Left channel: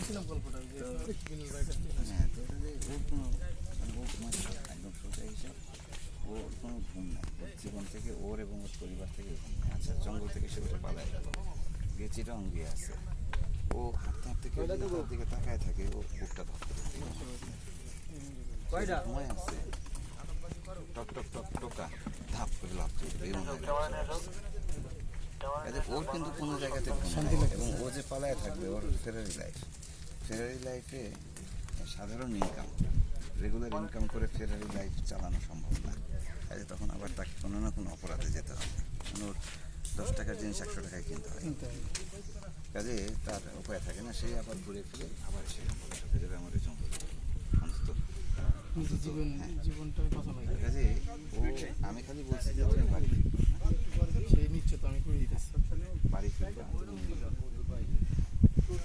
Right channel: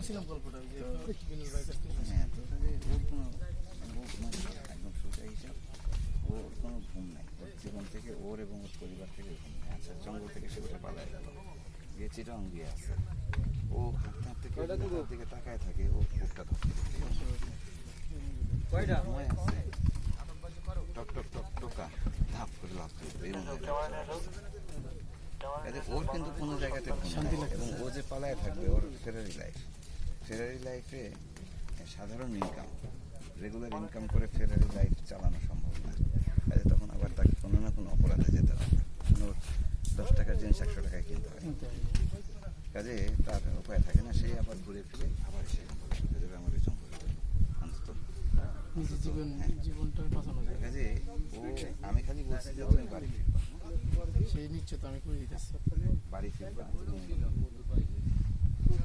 শুনছিলাম গল্পটা যে বিনুল ভাইয়ের কাছ থেকে। হ্যাঁ, তো ওর কোনো মানে ও ঘুমাচ্ছে একদম সোজা হিসাব, ওর কোনো ঘুম নাই, ওর জীবন থেকে ওর এবং ওর পরিবার থেকে ঘুম নেই। আচ্ছা, জঙ্গল থেকে সে উঠে পালায় গেল, গিয়ে চিরং দিয়ে আছে, ও হাঁটতে হাঁটতে কেউ যদি তার দিকে তাকায় থাকে, ও বুকটা ধপ করে দিয়ে ঘুমায় আছে, টক টক টক টোকা ধাপ করে লাভ করবে। ওর কিন্তু কোনো জায়গাতে ঘুম নাই, এবং ও যে পালায় থাকবে ওর ফেরারি লাইফে সাধারণ ইনকাম, রেগুলার ইনকাম করে ফেরারি লাইফ চালানো সম্ভব না। কাজে তখন আবার তাকে কোনো না কোনো অপরাধে যেতে হবে, কোনো 10 টাকার জিনিস 100 টাকায় কিনতে হয়। কাজে তার উপায় থাকে না, সেই আবার ঘুরে ফিরে আবার সেই সাথে যাবে আমার ওই জঙ্গলে অন্তত জীবনটা বাঁচানো যায়। কাজে ও, আমি খালি বলছি যে তুমি বাড়ি ফিরবা, সেই নিশ্চয় আমি করে দিতেছি। বাড়ি ফিরবা, তুমি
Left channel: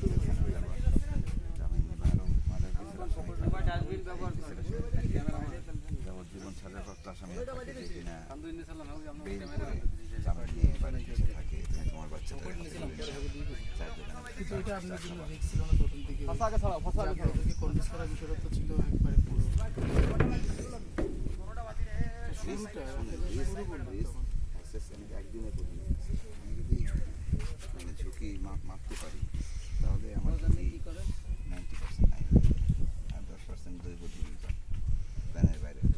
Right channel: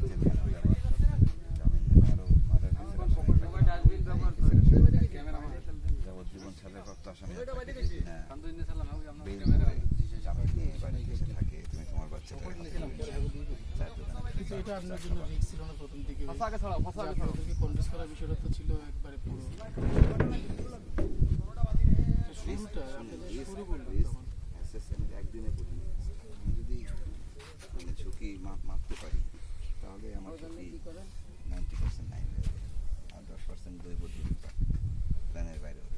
জেলখানায় যাবা, জামিন নিবা, আরো মাদার যাবজ্জীবন সাজাপ্রাপ্ত আসামি থাকে যে কিনা বেইল করে জামিন নিয়ে বাড়ি ফিরে থাকে, তুমি তোমার বাচ্চাদের কিন্তু এটা আপনার জন্য রিস্ক ছিল না প্রথম দিকে, আপনাদেরকে কনভিন্স করার বিষয়টা তো ছিল একবারে পুরো শুরুটা শুরু করলেন তখন। আমি একদিনে করি, আমি যদি মানে ঝুঁকি মাপতে পারি তাহলে আমার ঝুঁকি 90% নাই, আর 10% দৈব প্ল্যানের বাইরে হতে